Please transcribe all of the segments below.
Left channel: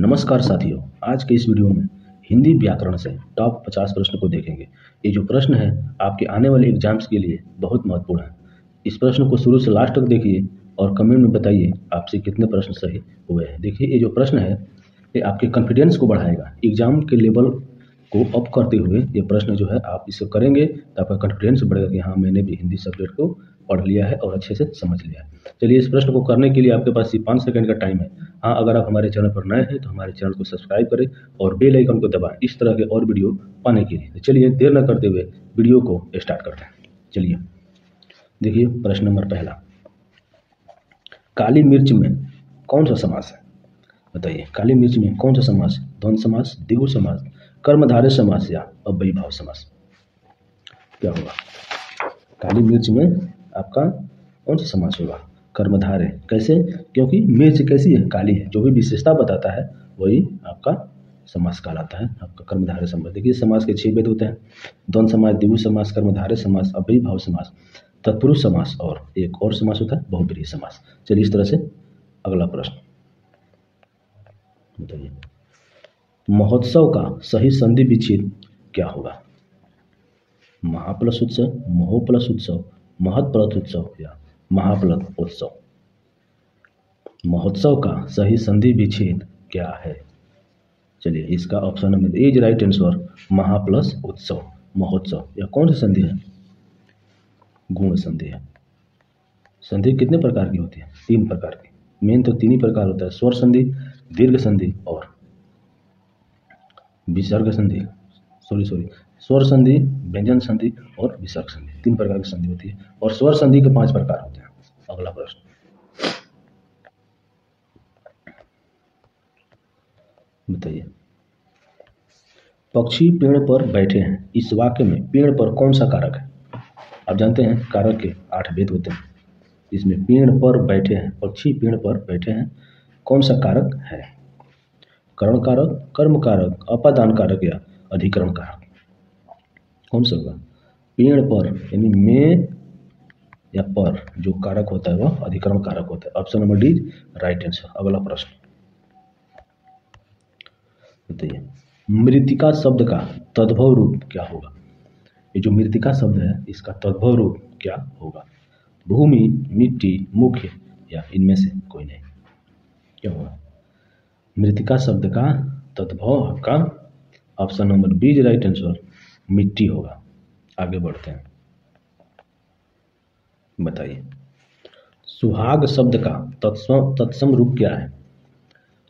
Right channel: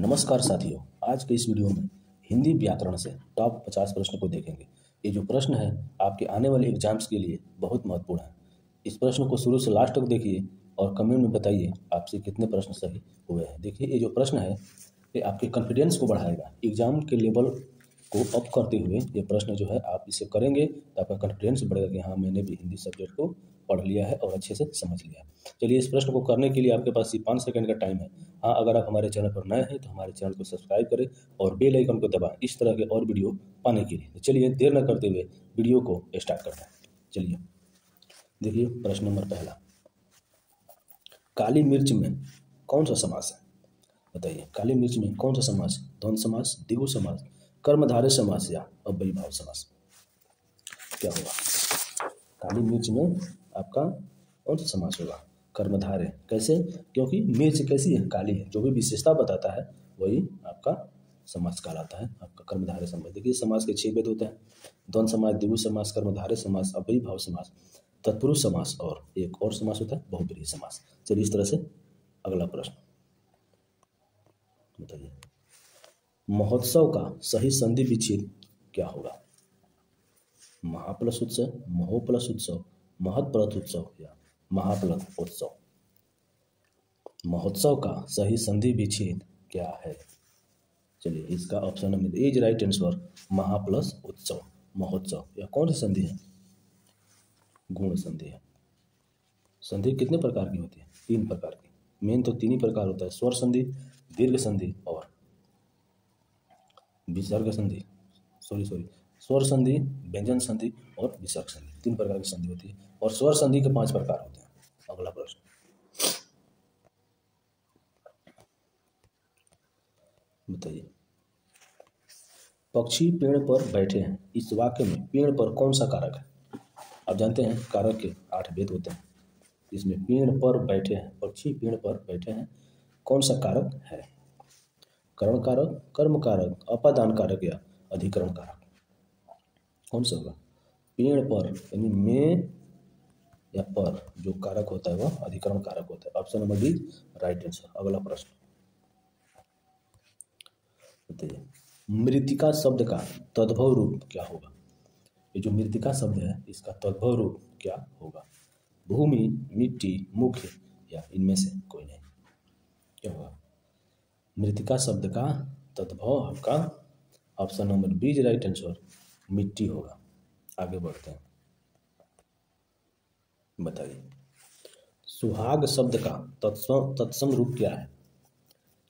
नमस्कार साथियों, आज के इस वीडियो में हिंदी व्याकरण से टॉप 50 प्रश्न को देखेंगे। ये जो प्रश्न है आपके आने वाले एग्जाम्स के लिए बहुत महत्वपूर्ण है। इस प्रश्न को शुरू से लास्ट तक देखिए और कमेंट में बताइए आपसे कितने प्रश्न सही हुए हैं। देखिए, ये जो प्रश्न है ये आपके कॉन्फिडेंस को बढ़ाएगा, एग्जाम के लेवल को अप करते हुए ये प्रश्न जो है आप इसे करेंगे तो आपका कॉन्फिडेंस बढ़ेगा कि हाँ, मैंने भी हिंदी सब्जेक्ट को पढ़ लिया है और अच्छे से समझ लिया है। चलिए, इस प्रश्न को करने के लिए आपके पास सिर्फ 5 सेकंड का टाइम है। हाँ, अगर आप हमारे चैनल पर नए हैं तो हमारे चैनल को सब्सक्राइब करें और बेल आइकन को दबाएं इस तरह के और वीडियो पाने के लिए। तो चलिए, देर न करते हुए वीडियो को स्टार्ट करते हैं। चलिए देखिए, प्रश्न नंबर पहला, काली मिर्च में कौन सा समास है? बताइए, काली मिर्च में कौन सा समास है? द्वंद्व समास, द्विगु समास, कर्मधारय समास या अव्ययीभाव समास? क्या होगा? काली मिर्च में आपका कौन सा समास होगा? कर्मधारय। कैसे? क्योंकि मिर्च कैसी है? काली है। जो भी विशेषता बताता है वही आपका समास कहलाता है, आपका कर्मधारय समास। देखिए, समास के 6 भेद होते हैं: द्वंद्व समास, द्विगु समास, कर्मधारय समास, अव्ययीभाव समास, तत्पुरुष समास और एक और समास होता है बहुब्रीहि समास। चलिए, इस तरह से अगला प्रश्न बताइए, महोत्सव का सही संधि विच्छेद क्या होगा? महाप्लस उत्सव, महोप्लस उत्सव, महत्प्लस उत्सव या महाप्लस उत्सव? महोत्सव का सही संधि विच्छेद क्या है? चलिए, इसका option number A is right answer, महाप्लस उत्सव, महोत्सव। यह कौन सी संधि है? गुण संधि है। संधि कितने प्रकार की होती है? 3 प्रकार की। मेन तो 3 ही प्रकार होता है: स्वर संधि, दीर्घ संधि और विसर्ग संधि। स्वर संधि, व्यंजन संधि और विसर्ग संधि। 3 प्रकार की संधि होती है और स्वर संधि के 5 प्रकार होते हैं। अगला प्रश्न बताइए, पक्षी पेड़ पर बैठे हैं, इस वाक्य में पेड़ पर कौन सा कारक है? आप जानते हैं कारक के 8 भेद होते हैं। इसमें पेड़ पर बैठे हैं, पक्षी पेड़ पर बैठे हैं, कौन सा कारक है? करण कारक, कर्म कारक, अपादान कारक या अधिकरण कारक? कौन सा होगा? पेड़ पर यानी में या पर जो कारक होता है वह अधिकरण कारक होता है। Option number D right answer. अगला प्रश्न बताइए, मृत्तिका शब्द का तद्भव रूप क्या होगा? ये जो मृत्तिका शब्द है इसका तद्भव रूप क्या होगा? भूमि, मिट्टी, मुख्य या इनमें से कोई नहीं? क्या होगा? मृत्तिका शब्द का तद्भव आपका option number B is right answer, मिट्टी होगा। आगे बढ़ते हैं, बताइए, सुहाग शब्द का तत्सम रूप क्या है?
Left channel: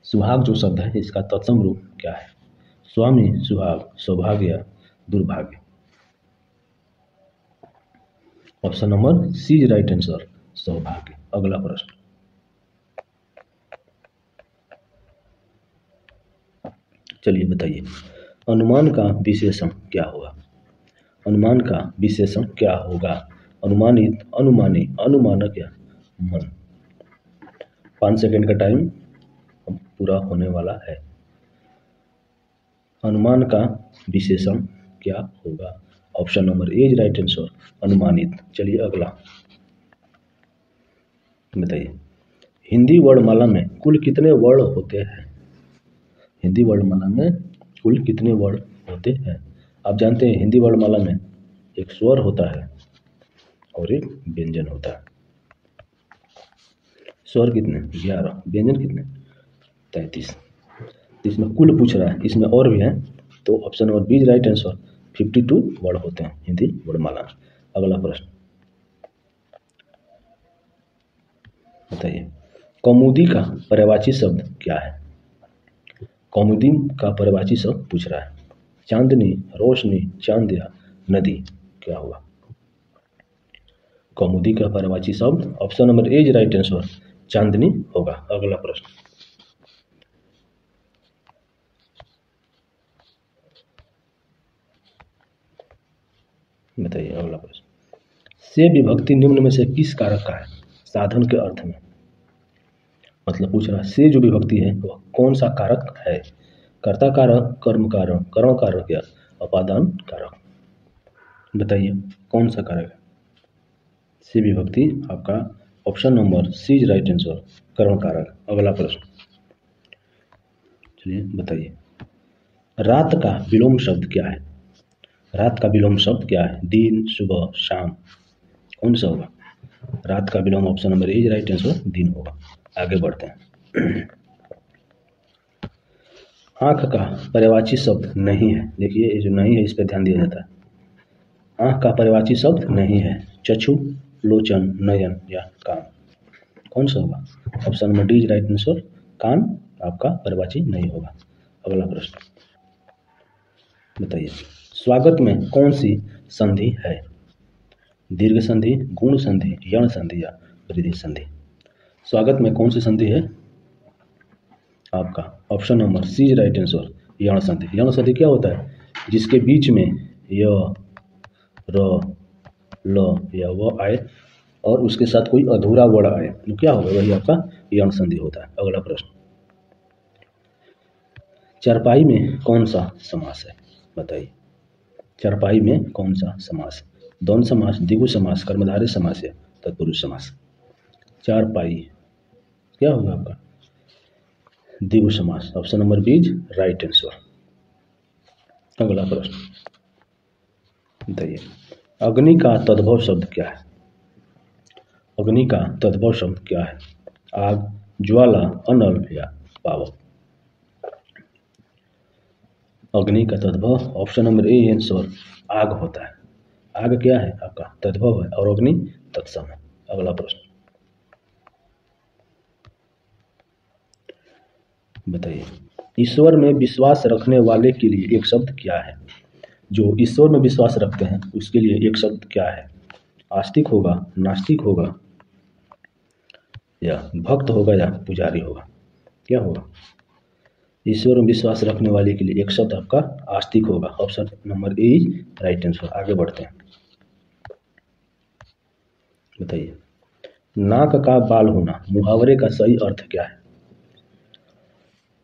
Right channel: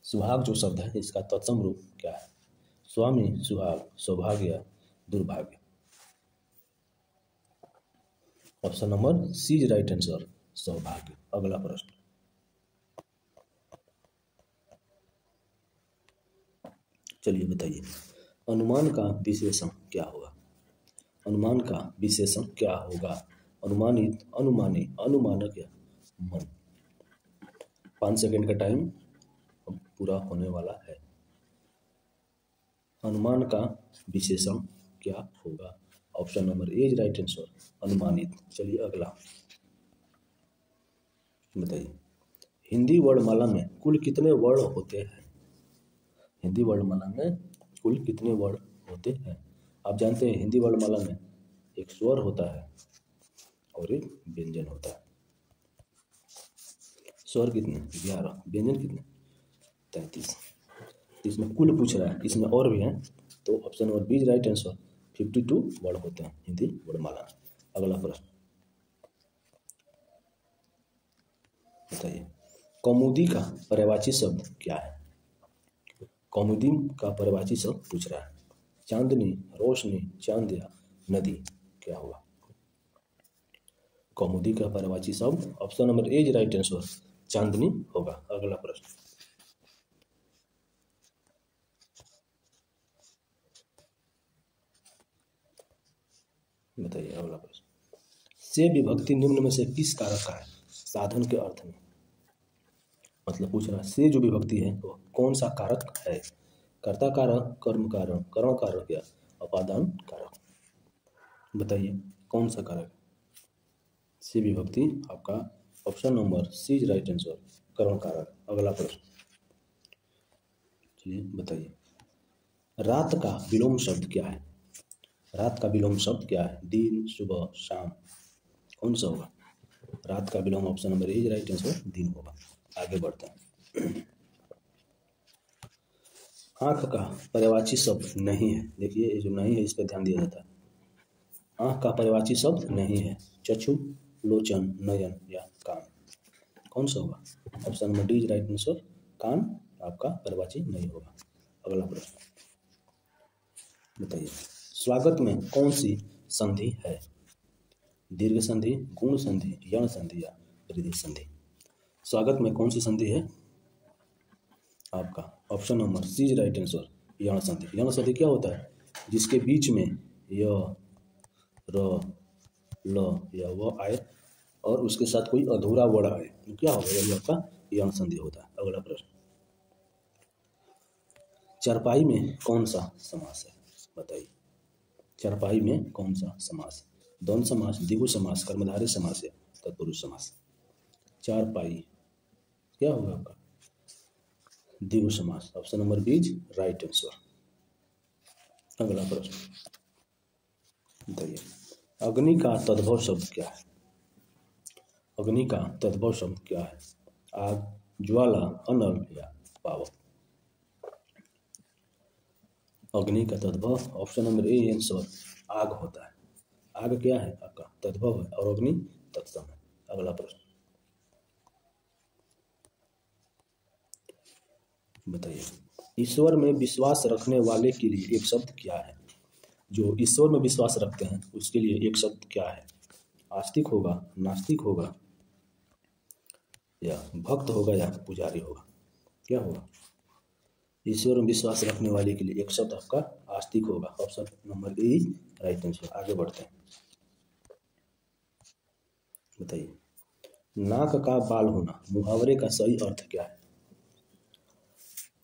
सुहाग जो शब्द है इसका तत्सम रूप क्या है? स्वामी, सुहाग, सौभाग्य या दुर्भाग्य? Option number C is right answer, सौभाग्य। अगला प्रश्न चलिए बताइए, अनुमान का विशेषण क्या होगा? अनुमान का विशेषण क्या होगा? अनुमानित, अनुमानी, अनुमानक या मन? 5 सेकंड का टाइम अब पूरा होने वाला है। अनुमान का विशेषण क्या होगा? Option number A is right answer, अनुमानित। चलिए अगला बताइए, हिंदी वर्णमाला में कुल कितने वर्ण होते हैं? हिंदी वर्णमाला में कुल कितने वर्ण होते हैं? आप जानते हैं हिंदी वर्णमाला में एक स्वर होता है और एक व्यंजन होता है। स्वर कितने? 11। व्यंजन कितने? 33। इसमें कुल पूछ रहा है, इसमें और भी है, तो option number B is right answer, 52 वर्ण होते हैं हिंदी वर्णमाला में। अगला प्रश्न बताइए, कौमुदी का पर्यायवाची शब्द क्या है? कौमुदी का पर्यायवाची शब्द पूछ रहा है। चांदनी, रोशनी, चांद या नदी? क्या होगा? कौमुदी का पर्यायवाची शब्द option number A is right answer, चांदनी होगा। अगला प्रश्न बताइए, अगला प्रश्न, से विभक्ति निम्न में से किस कारक का है? साधन के अर्थ में मतलब पूछ रहा है, से जो विभक्ति है वह कौन सा कारक है? कर्ता कारक, कर्म कारक, करण कारक या अपादान कारक? बताइए कौन सा कारक है? से विभक्ति आपका option number C is right answer, करण कारक। अगला प्रश्न चलिए बताइए, रात का विलोम शब्द क्या है? रात का विलोम शब्द क्या है? दिन, सुबह, शाम, कौन सा होगा? रात का विलोम option number A right answer दिन होगा। आगे बढ़ते हैं। आँख का पर्यायवाची शब्द नहीं है। देखिए ये जो नहीं है इस पर ध्यान दिया जाता है। आँख का पर्यायवाची शब्द नहीं है। चक्षु, लोचन, नयन या कान, कौन सा होगा? Option number D is right answer, कान आपका पर्यायवाची नहीं होगा। अगला प्रश्न बताइए, स्वागत में कौन सी संधि है? दीर्घ संधि, गुण संधि, यण संधि या वृद्धि संधि? स्वागत में कौन सी संधि है? आपका option number C is right answer, यण संधि। यण संधि क्या होता है? जिसके बीच में य, र, ल या व आए और उसके साथ कोई अधूरा वर्ण आए तो क्या होगा? वही आपका यण संधि होता है। अगला प्रश्न, चरपाई में कौन सा समास है? बताइए, चरपाई में कौन सा समास? द्वंद्व समास, द्विगु समास, कर्मधारय समास या तत्पुरुष समास? चारपाई क्या होगा आपका? द्विगु समास। Option number B is right answer. अगला प्रश्न बताइए, अग्नि का तद्भव शब्द क्या है? अग्नि का तद्भव शब्द क्या है? आग, ज्वाला, अनल या पावक? अग्नि का तद्भव ऑप्शन नंबर ए आंसर आग होता है। आग क्या है? आपका तद्भव है और अग्नि तत्सम है। अगला प्रश्न बताइए, ईश्वर में विश्वास रखने वाले के लिए एक शब्द क्या है? जो ईश्वर में विश्वास रखते हैं उसके लिए एक शब्द क्या है? आस्तिक होगा, नास्तिक होगा या भक्त होगा या पुजारी होगा? क्या होगा? ईश्वर में विश्वास रखने वाले के लिए एक शब्द आपका आस्तिक होगा। Option number A is right answer. आगे बढ़ते हैं, बताइए, नाक का बाल होना मुहावरे का सही अर्थ क्या है?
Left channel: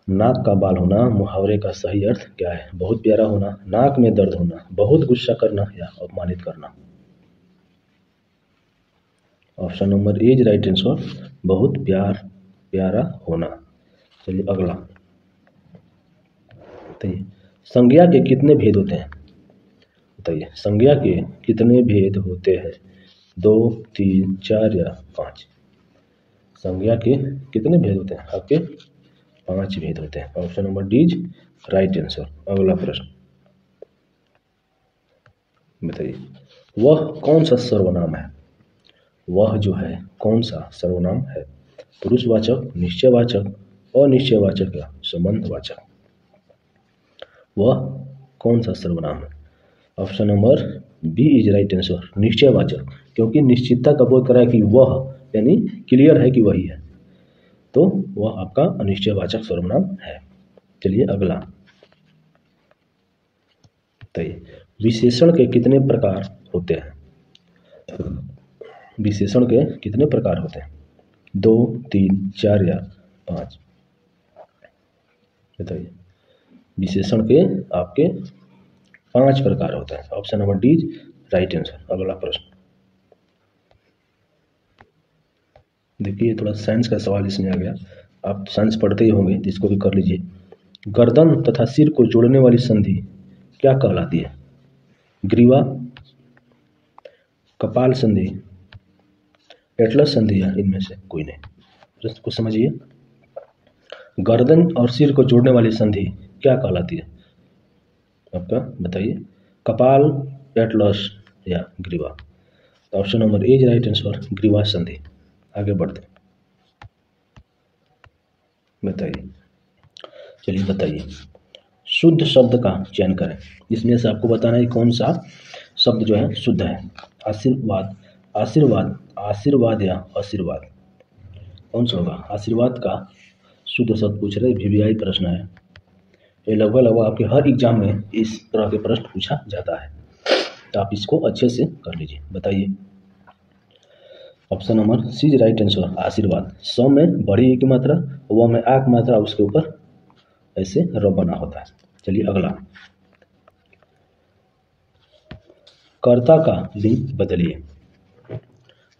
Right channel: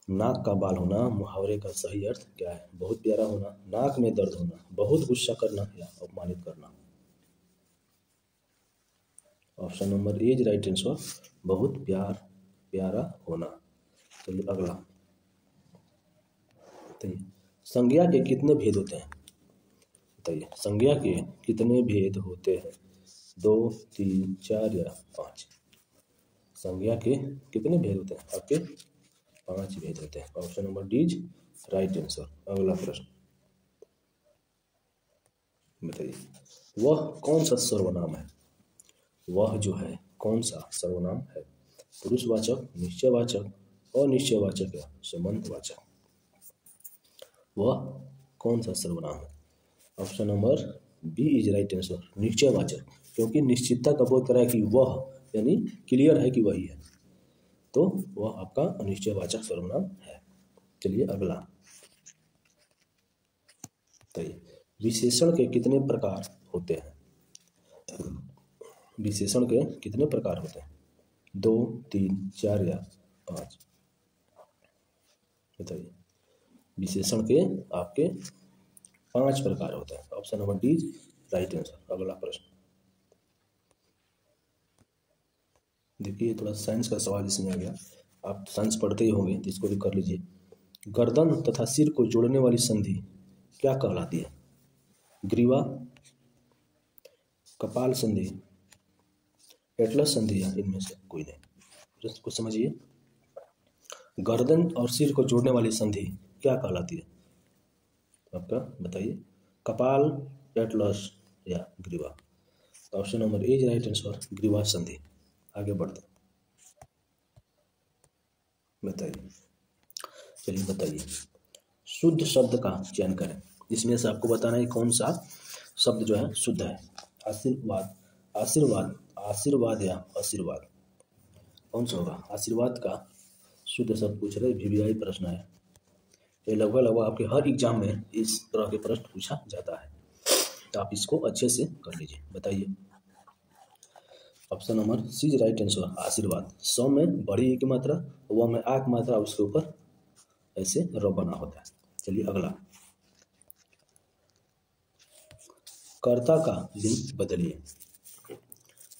नाक का बाल होना मुहावरे का सही अर्थ क्या है? बहुत प्यारा होना, नाक में दर्द होना, बहुत गुस्सा करना या अपमानित करना? Option number A is right answer, बहुत प्यारा होना। चलिए अगला बताइए, संज्ञा के कितने भेद होते हैं? बताइए, संज्ञा के कितने भेद होते हैं? 2, 3, 4 या 5? संज्ञा के कितने भेद होते हैं? आपके 5 भेद होते हैं। Option number D is right answer. अगला प्रश्न बताइए, वह कौन सा सर्वनाम है? वह जो है कौन सा सर्वनाम है? पुरुषवाचक, निश्चयवाचक, अनिश्चयवाचक या संबंधवाचक? वह कौन सा सर्वनाम है? Option number B is right answer, निश्चयवाचक, क्योंकि निश्चितता का बोध करा है कि वह यानी क्लियर है कि वही है, तो वह आपका अनिश्चयवाचक सर्वनाम है। चलिए अगला बताइए, विशेषण के कितने प्रकार होते हैं? विशेषण के कितने प्रकार होते हैं? 2, 3, 4 या 5? बताइए, विशेषण के आपके 5 प्रकार होते हैं। Option number D is right answer. अगला प्रश्न देखिए, थोड़ा साइंस का सवाल इसमें आ गया, आप साइंस पढ़ते ही होंगे तो इसको भी कर लीजिए। गर्दन तथा सिर को जोड़ने वाली संधि क्या कहलाती है? ग्रीवा, कपाल संधि, एटलस संधि या इनमें से कोई नहीं? प्रश्न को समझिए, गर्दन और सिर को जोड़ने वाली संधि क्या कहलाती है आपका? बताइए, कपाल, एटलस या ग्रीवा? तो option number A is right answer, ग्रीवा संधि। आगे बढ़ते बताइए, चलिए बताइए, शुद्ध शब्द का चयन करें। इसमें से आपको बताना है कौन सा शब्द जो है शुद्ध है। आशीर्वाद, आशीर्वाद, आशीर्वाद या आशीर्वाद, कौन सा होगा? आशीर्वाद का शुद्ध शब्द पूछ रहे, वीवीआई प्रश्न है ये, लगभग आपके हर एग्जाम में इस तरह के प्रश्न पूछा जाता है, तो आप इसको अच्छे से कर लीजिए। बताइए, option number C is right answer, आशीर्वाद। सौ में बड़ी एक मात्रा, व में आक मात्रा, उसके ऊपर ऐसे र बना होता है। चलिए अगला, कर्ता का लिंग बदलिए।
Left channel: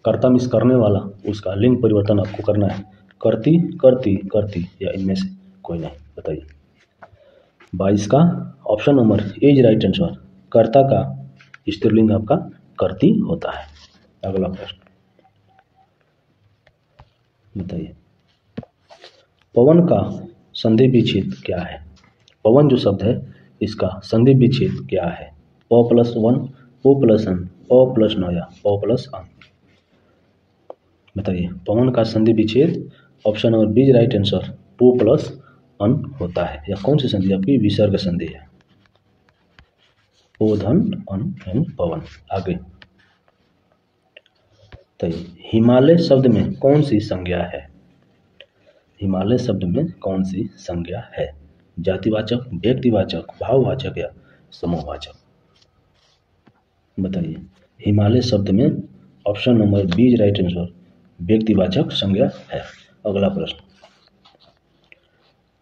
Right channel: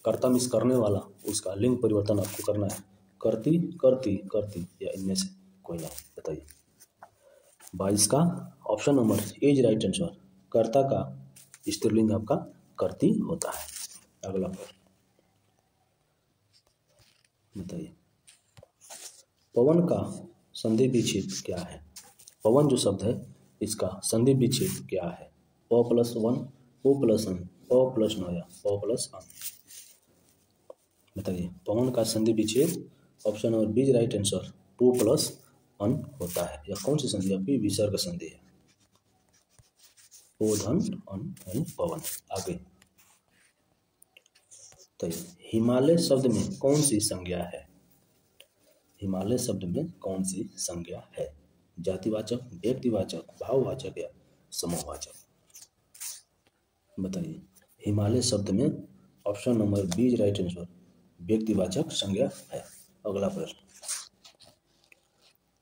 कर्ता मिस करने वाला, उसका लिंग परिवर्तन आपको करना है। करती, करती, करती या इनमें से कोई नहीं? बताइए, 22 का option number A is right answer. कर्ता का स्त्रीलिंग आपका कर्ती होता है। अगला प्रश्न बताइए, पवन का संधि विच्छेद क्या है? पवन जो शब्द है इसका संधि विच्छेद क्या है? प प्लस वन, ओ प्लस अन, अ प्लस न या प प्लस अन। बताइए, पवन का संधि विच्छेद option number B right answer पो प्लस अन होता है। यह कौन सी संधि आपकी? विसर्ग संधि है। पो धन अन यानी पवन। आगे बताइए, हिमालय शब्द में कौन सी संज्ञा है? हिमालय शब्द में कौन सी संज्ञा है? जातिवाचक, व्यक्तिवाचक, भाववाचक या समूहवाचक। बताइए, हिमालय शब्द में option number B right answer व्यक्तिवाचक संज्ञा है। अगला प्रश्न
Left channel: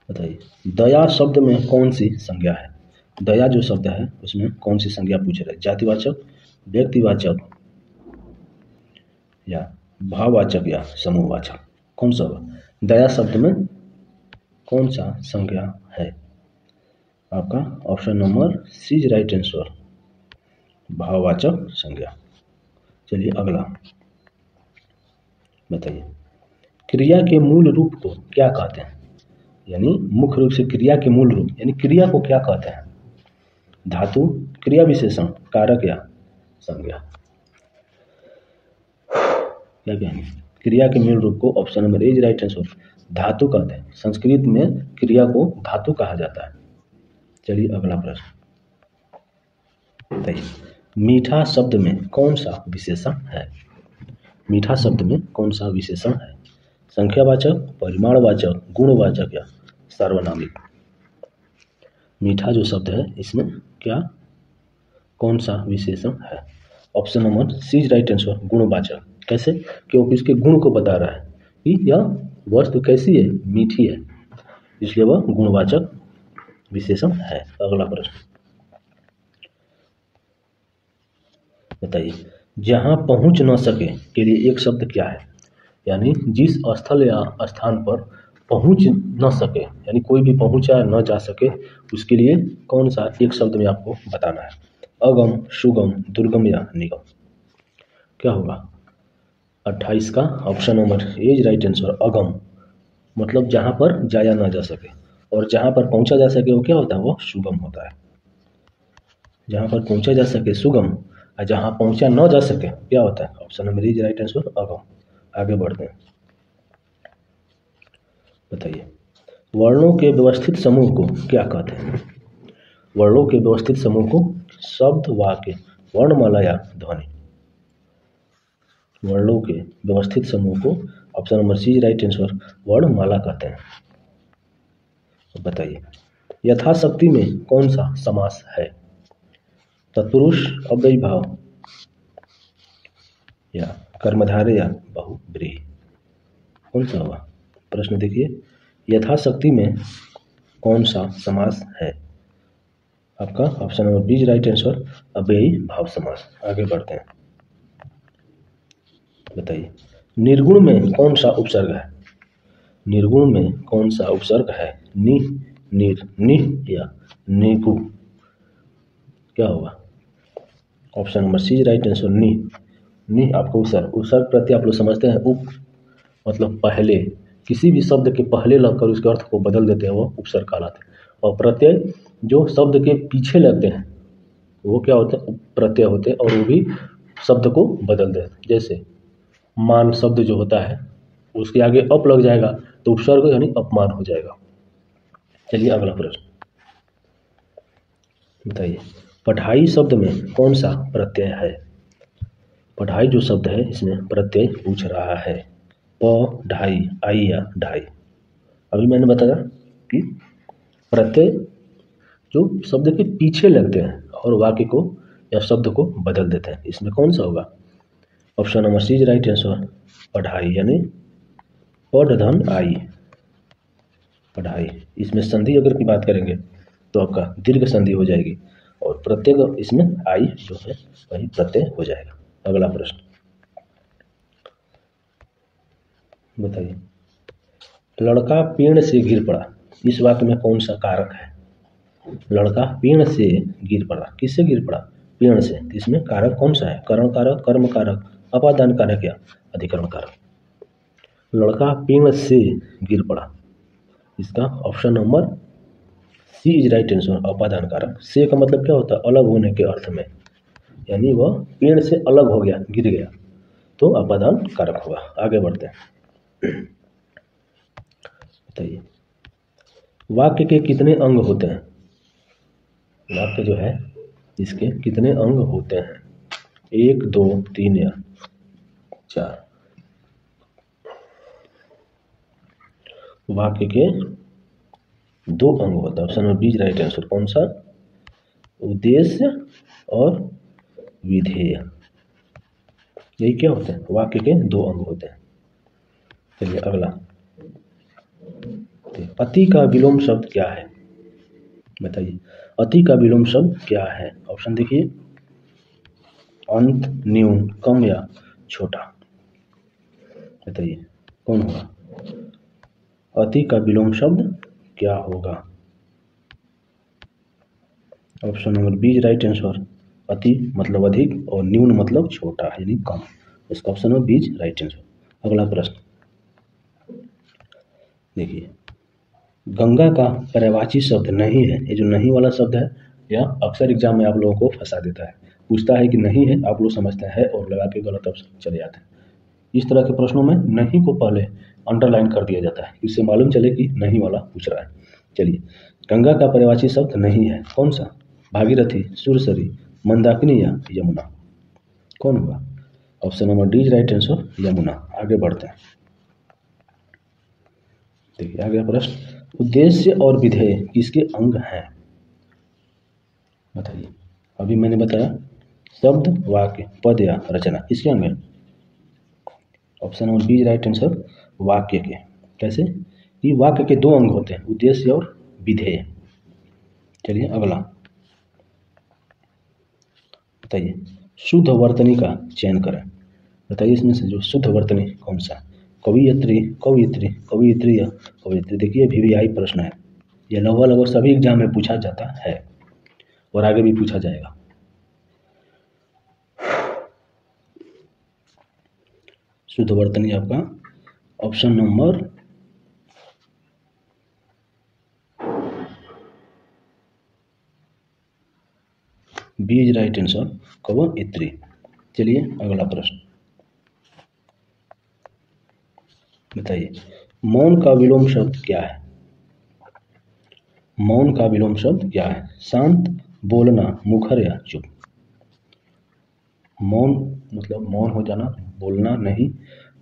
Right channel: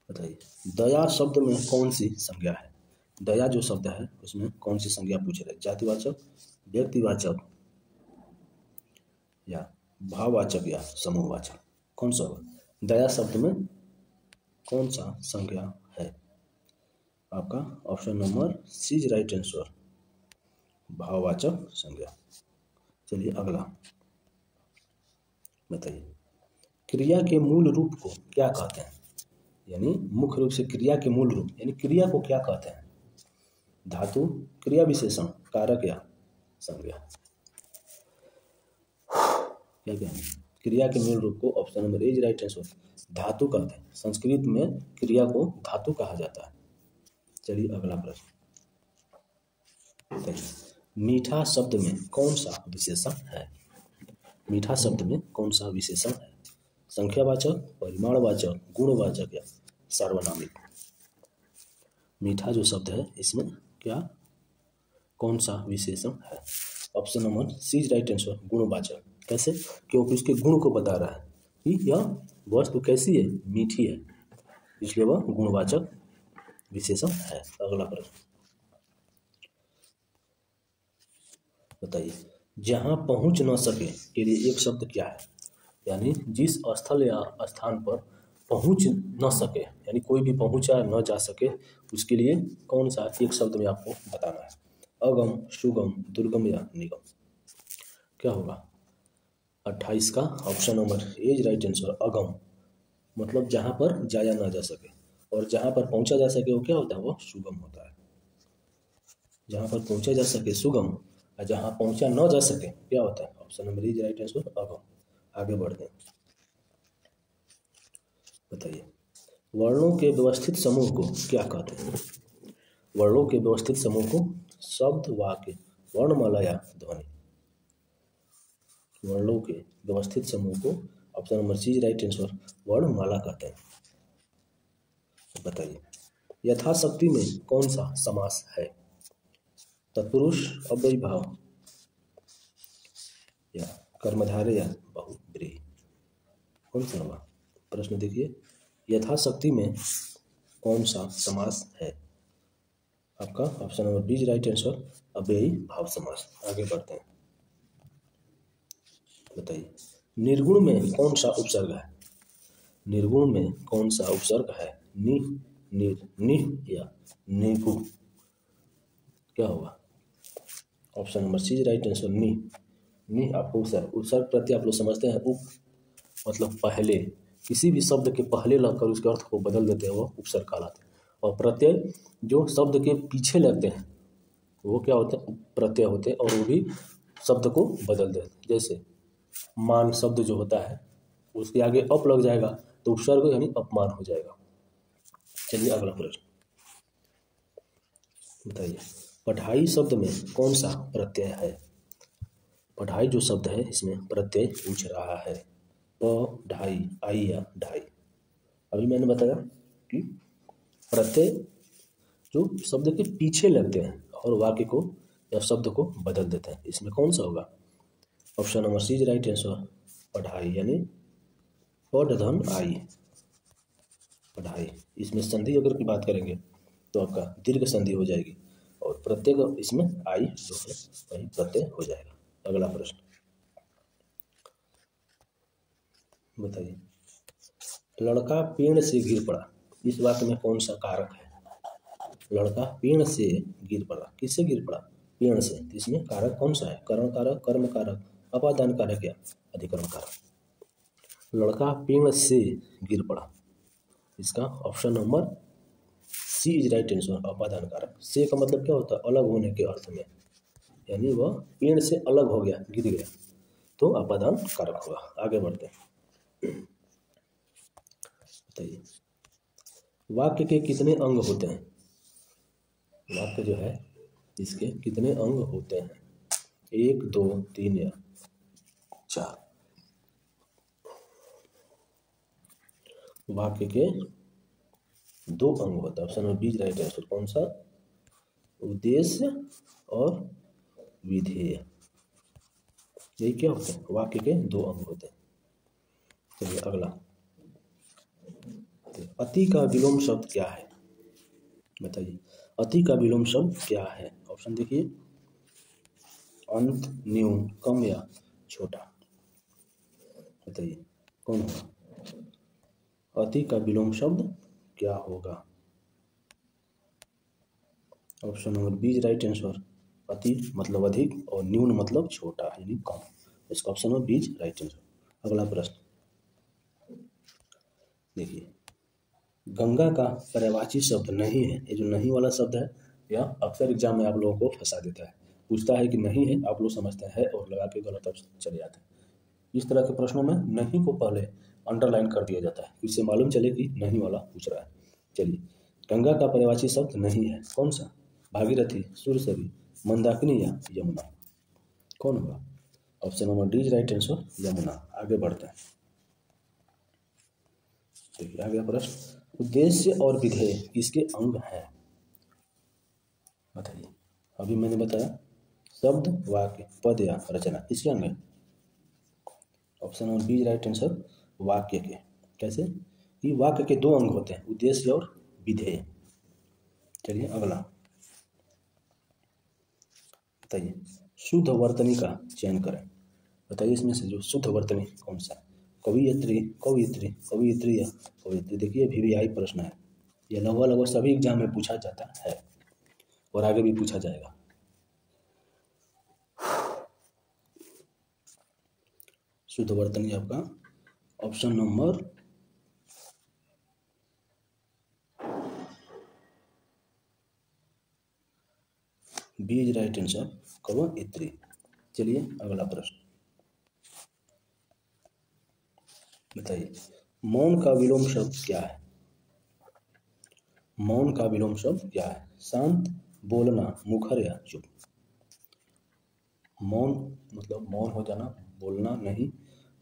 बताइए, दया शब्द में कौन सी संज्ञा है? दया जो शब्द है उसमें कौन सी संज्ञा पूछ रहे हैं? जातिवाचक, व्यक्तिवाचक या भाववाचक या समूहवाचक, कौन सा होगा? दया शब्द में कौन सा संज्ञा है? आपका option number C is right answer भाववाचक संज्ञा। चलिए अगला बताइए, क्रिया के मूल रूप को क्या कहते हैं? यानी मुख्य रूप से क्रिया के मूल रूप यानी क्रिया को क्या कहते हैं? धातु, क्रिया विशेषण, कारक या संज्ञा। क्या कहेंगे? क्रिया के मूल रूप को option number A is right answer धातु कहते हैं। संस्कृत में क्रिया को धातु कहा जाता है। चलिए अगला प्रश्न बताइए, मीठा शब्द में कौन सा विशेषण है? मीठा शब्द में कौन सा विशेषण है? संख्यावाचक, परिमाणवाचक, गुणवाचक या सार्वनामिक। मीठा जो शब्द है इसमें क्या कौन सा विशेषण है? Option number C is right answer गुणवाचक। कैसे? क्योंकि इसके गुण को बता रहा है कि यह वस्तु कैसी है? मीठी है, इसलिए वह गुणवाचक विशेषण है। अगला प्रश्न बताइए, जहां पहुंच न सके के लिए एक शब्द क्या है? यानी जिस स्थल या स्थान पर पहुंच न सके यानी कोई भी पहुंचा न जा सके उसके लिए कौन सा एक शब्द में आपको बताना है? अगम, सुगम, दुर्गम या निगम। क्या होगा? 28 का option number A is right answer अगम, मतलब जहाँ पर जाया ना जा सके, और जहाँ पर पहुँचा जा सके वो क्या होता है? वो सुगम होता है। जहाँ पर पहुँचा जा सके सुगम, और जहाँ पहुँचा न जा सके क्या होता है? Option number A is right answer अगम। आगे बढ़ते हैं बताइए, वर्णों के व्यवस्थित समूह को क्या कहते हैं? वर्णों के व्यवस्थित समूह को शब्द, वाक्य, वर्णमाला या ध्वनि। वर्णों के व्यवस्थित समूह को option number C right answer वर्णमाला कहते हैं। बताइए, यथाशक्ति में कौन सा समास है? तत्पुरुष, अव्ययी भाव या कर्मधारय या बहुब्रीहि, कौन सा होगा? प्रश्न देखिए, यथाशक्ति में कौन सा समास है? आपका option number B right answer अव्ययी भाव समास। आगे बढ़ते हैं बताइए, निर्गुण में कौन सा उपसर्ग है? निर्गुण में कौन सा उपसर्ग है? नि, निर, निह या निगु। क्या होगा? Option number C right answer नि। नि आपको उपसर्ग, उपसर्ग प्रत्यय आप लोग समझते हैं, उप मतलब पहले, किसी भी शब्द के पहले लगकर उसके अर्थ को बदल देते हैं वो उपसर्ग कहलाते हैं। और प्रत्यय जो शब्द के पीछे लगते हैं वो क्या होते हैं? प्रत्यय होते हैं, और वो भी शब्द को बदल देते हैं। जैसे मान शब्द जो होता है उसके आगे अप लग जाएगा तो उपसर्ग यानी अपमान हो जाएगा। चलिए अगला प्रश्न बताइए, पढ़ाई शब्द में कौन सा प्रत्यय है? पढ़ाई जो शब्द है इसमें प्रत्यय पूछ रहा है। प ढाई, आई या ढाई। अभी मैंने बताया कि प्रत्यय जो शब्द के पीछे लगते हैं और वाक्य को या शब्द को बदल देते हैं, इसमें कौन सा होगा? Option number C is right answer पढ़ाई, यानी पढ़ धन आई, पढ़ाई। इसमें संधि अगर की बात करेंगे तो आपका दीर्घ संधि हो जाएगी, और प्रत्यय इसमें आई जो है वही प्रत्यय हो जाएगा। अगला प्रश्न बताइए, लड़का पेड़ से गिर पड़ा, इस वाक्य में कौन सा कारक है? लड़का पेड़ से गिर पड़ा। किससे गिर पड़ा? पेड़ से। तो इसमें कारक कौन सा है? करण कारक, कर्म कारक, अपादान कारक या अधिकरण कारक? लड़का पेड़ से गिर पड़ा। इसका option number C is right answer, अपादान कारक। से का मतलब क्या होता है? अलग होने के अर्थ में, यानी वह पेड़ से अलग हो गया, गिर गया, तो अपादान कारक होगा। आगे बढ़ते हैं। बताइए, वाक्य के कितने अंग होते हैं? वाक्य जो है इसके कितने अंग होते हैं? 1, 2, 3 या 4? वाक्य के 2 अंग होता है। Option number B right answer. कौन सा? उद्देश्य और विधेय। यही क्या होते हैं? वाक्य के 2 अंग होते हैं। चलिए अगला, अति का विलोम शब्द क्या है? बताइए, अति का विलोम शब्द क्या है? ऑप्शन देखिए, अंत, न्यून, कम या छोटा। बताइए कौन होगा? अति का विलोम शब्द क्या होगा? Option number B right answer. अति मतलब अधिक और न्यून मतलब छोटा यानी कम। इसका option number B right answer. अगला प्रश्न देखिए, गंगा का पर्यायवाची शब्द नहीं है। ये जो नहीं वाला शब्द है यह अक्सर एग्जाम में आप लोगों को फंसा देता है। पूछता है कि नहीं है, आप लोग समझते हैं और लगा के गलत ऑप्शन चले जाते हैं। इस तरह के प्रश्नों में नहीं को पहले अंडरलाइन कर दिया जाता है, इससे मालूम चले कि नहीं वाला पूछ रहा है। चलिए, गंगा का पर्यायवाची शब्द नहीं है, कौन सा? भागीरथी, सुरसरी, मंदाकिनी या यमुना? कौन होगा? Option number D right answer, Yamuna. आगे बढ़ते हैं। देखिए आगे प्रश्न, उद्देश्य और विधेय किसके अंग हैं? बताइए, अभी मैंने बताया शब्द, वाक्य, पद या रचना किसके अंग है? Option number B right answer, वाक्य के। कैसे? कि वाक्य के 2 अंग होते हैं, उद्देश्य और विधेय। चलिए अगला, बताइए शुद्ध वर्तनी का चयन करें। बताइए इसमें से जो शुद्ध वर्तनी कौन सा? कवियत्री, कवियत्री, कवियत्री या कवियत्री? देखिए वीवीआई प्रश्न है, यह लगभग सभी एग्जाम में पूछा जाता है और आगे भी पूछा जाएगा। शुद्ध वर्तनी आपका option number B is right answer, कवियत्री। चलिए अगला प्रश्न, बताइए मौन का विलोम शब्द क्या है? मौन का विलोम शब्द क्या है? शांत, बोलना, मुखर या चुप? मौन मतलब मौन हो जाना, बोलना नहीं,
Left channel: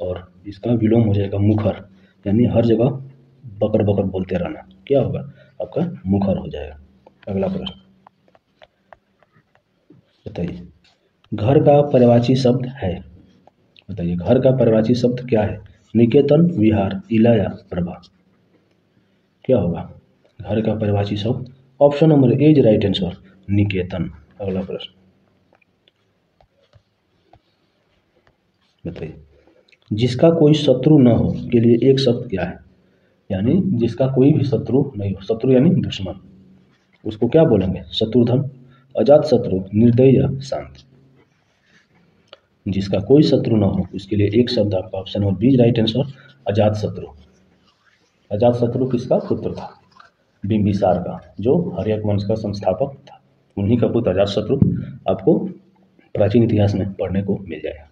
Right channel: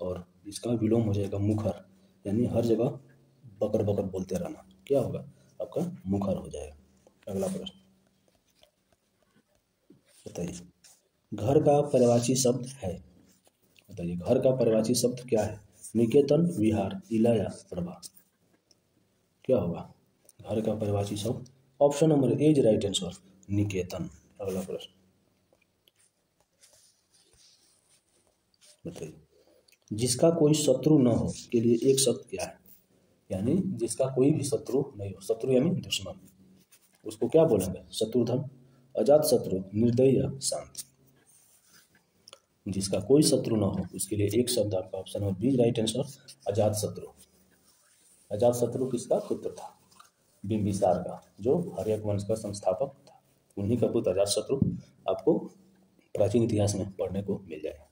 और इसका विलोम हो जाएगा मुखर, यानी हर जगह बकर बकर बोलते रहना। क्या होगा? आपका मुखर हो जाएगा। अगला प्रश्न, बताइए घर का पर्यायवाची शब्द है। बताइए घर का पर्यायवाची शब्द क्या है? निकेतन, विहार, इला या प्रभा? क्या होगा घर का पर्यायवाची शब्द? Option number A is right answer, निकेतन। अगला प्रश्न, बताइए जिसका कोई शत्रु न हो के लिए एक शब्द क्या है? यानी जिसका कोई भी शत्रु नहीं हो, शत्रु यानी दुश्मन, उसको क्या बोलेंगे? शत्रुधन, अजात शत्रु, निर्दयी या शांत? जिसका कोई शत्रु न हो उसके लिए एक शब्द आपका option number B right answer, अजात शत्रु। अजात शत्रु किसका पुत्र था? बिंबिसार का, जो हर्यक वंश का संस्थापक था, उन्हीं का पुत्र अजात शत्रु आपको प्राचीन इतिहास में पढ़ने को मिल जाएगा।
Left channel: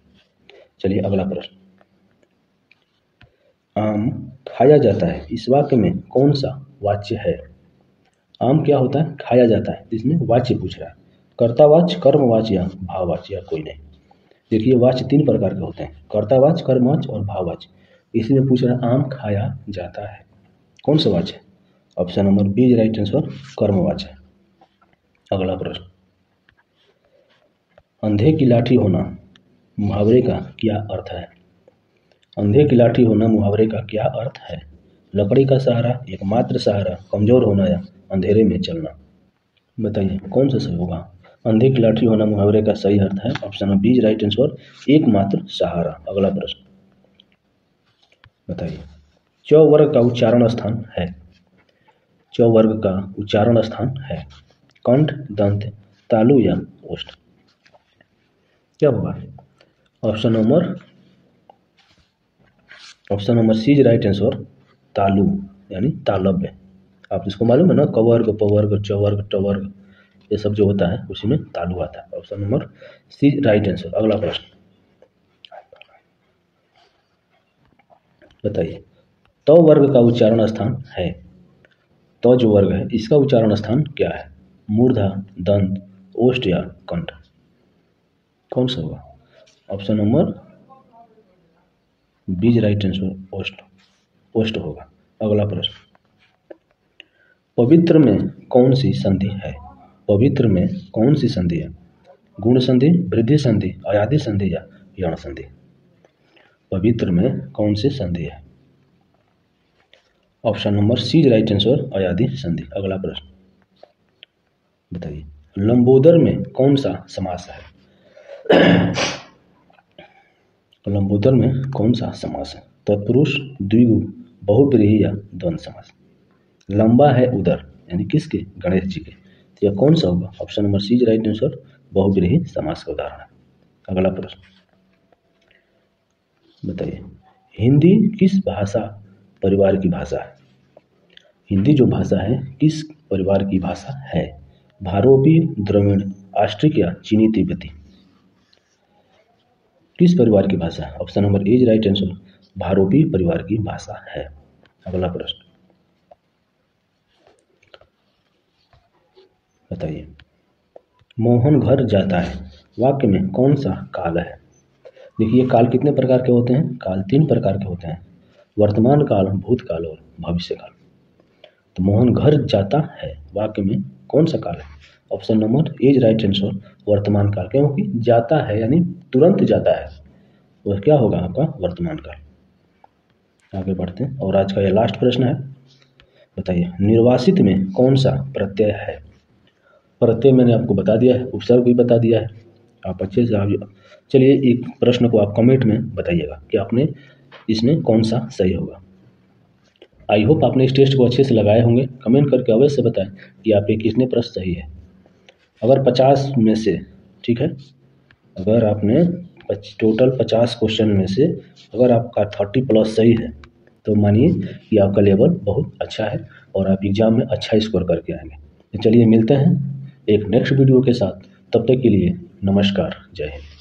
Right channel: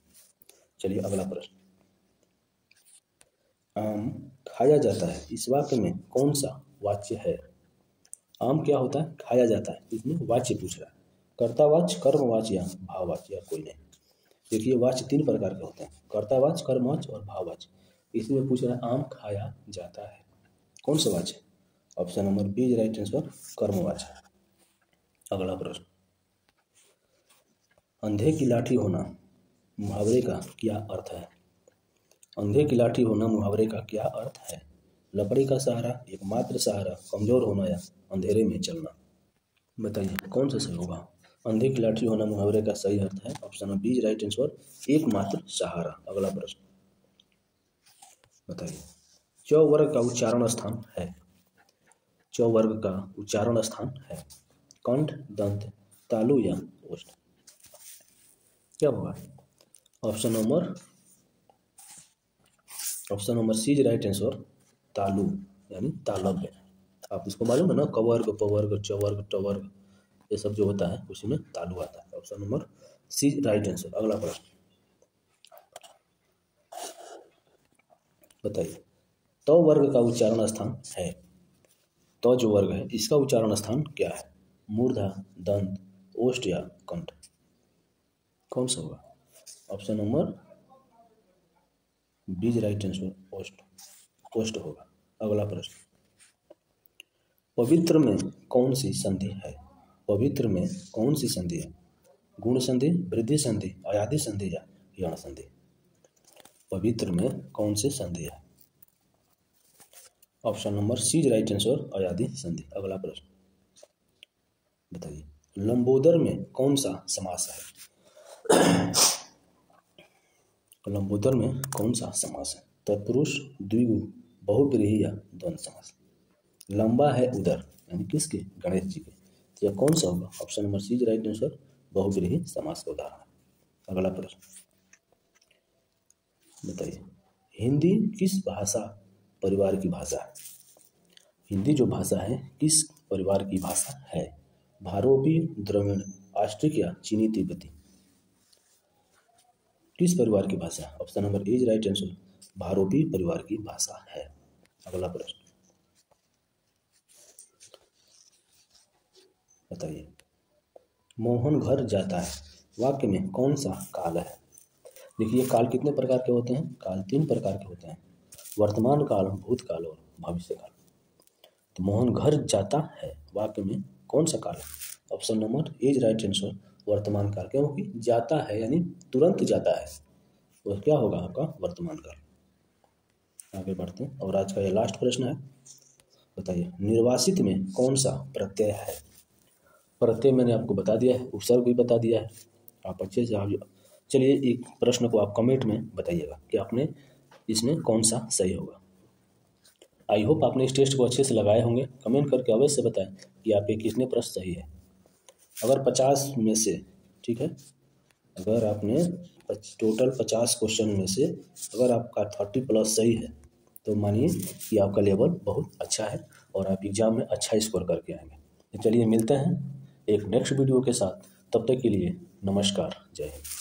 चलिए अगला प्रश्न, आम खाया जाता है, इस वाक्य में कौन सा वाच्य है? आम क्या होता है? खाया जाता है। इसमें वाच्य पूछ रहा है, कर्तावाच्य, कर्मवाच्य या भाववाच्य या कोई नहीं? देखिए वाच्य 3 प्रकार के होते हैं, कर्तावाच्य, कर्मवाच्य और भाववाच्य। इसमें पूछ रहा है आम खाया जाता है, कौन सा वाच्य? Option number B right answer, कर्मवाच्य। अगला प्रश्न, अंधे की लाठी होना मुहावरे का क्या अर्थ है? अंधे की लाठी होना मुहावरे का क्या अर्थ है? लकड़ी का सहारा, एकमात्र सहारा, कमजोर होना या अंधेरे में चलना? बताइए कौन सा सही होगा? अंधे की लाठी होना मुहावरे का सही अर्थ है option number B right answer, एकमात्र सहारा। अगला प्रश्न, बताइए च वर्ग का उच्चारण स्थान है। च वर्ग का उच्चारण स्थान है? कंठ, दंत, तालु या ओष्ठ? क्या होगा? Option number C is right answer, तालु यानी तालव्य। आप इसको मालूम है ना, क वर्ग, प वर्ग, च वर्ग, ट वर्ग, ये सब जो होता है उसी में तालु आता है। Option number C right answer. अगला प्रश्न बताइए, त वर्ग का उच्चारण स्थान है? त जो वर्ग है इसका उच्चारण स्थान क्या है? मूर्धा, दंत, ओष्ठ या कंठ? कौन सा होगा? Option number B right answer, ओष्ठ, ओष्ठ होगा। अगला प्रश्न, पवित्र में कौन सी संधि है? पवित्र में कौन सी संधि है? गुण संधि, वृद्धि संधि, अयादि संधि या यण संधि? पवित्र में कौन सी संधि है? Option number C right answer, अयादि संधि। अगला प्रश्न बताइए, लंबोदर में कौन सा समास है? लंबोदर में कौन सा समास है? तत्पुरुष, द्विगु, बहुब्रीहि या द्वंद्व समास? लंबा है उदर यानी किसके? गणेश जी के। तो यह कौन सा होगा? Option number C right answer, बहुब्रीहि समास का उदाहरण है। अगला प्रश्न बताइए, हिंदी किस भाषा परिवार की भाषा है? हिंदी जो भाषा है किस परिवार की भाषा है? भारोपी, द्रविड़, आस्ट्रिक या चीनी तिब्बती? किस परिवार की भाषा है? Option number A right answer, भारोपी परिवार की भाषा है। अगला प्रश्न बताइए, मोहन घर जाता है वाक्य में कौन सा काल है? देखिए, काल कितने प्रकार के होते हैं? काल 3 प्रकार के होते हैं, वर्तमान काल, भूतकाल और भविष्य काल। तो मोहन घर जाता है वाक्य में कौन सा काल है? Option number A right answer, वर्तमान काल, क्योंकि जाता है यानी तुरंत जाता है, वह क्या होगा? आपका वर्तमान काल। आगे बढ़ते हैं और आज का यह लास्ट प्रश्न है, बताइए, निर्वासित में कौन सा प्रत्यय है? प्रत्यय मैंने आपको बता दिया है, उपसर्ग भी बता दिया है, आप अच्छे से आप चलिए एक प्रश्न को आप कमेंट में बताइएगा कि आपने इसमें कौन सा सही होगा। आई होप आपने इस टेस्ट को अच्छे से लगाए होंगे। कमेंट करके अवश्य बताएं कि आपके कितने प्रश्न सही है। अगर 50 में से, ठीक है, अगर आपने टोटल 50 क्वेश्चन में से अगर आपका 30+ सही है तो मानिए कि आपका लेवल बहुत अच्छा है और आप एग्ज़ाम में अच्छा स्कोर करके आएंगे। तो चलिए मिलते हैं एक नेक्स्ट वीडियो के साथ, तब तक के लिए नमस्कार, जय हिंद।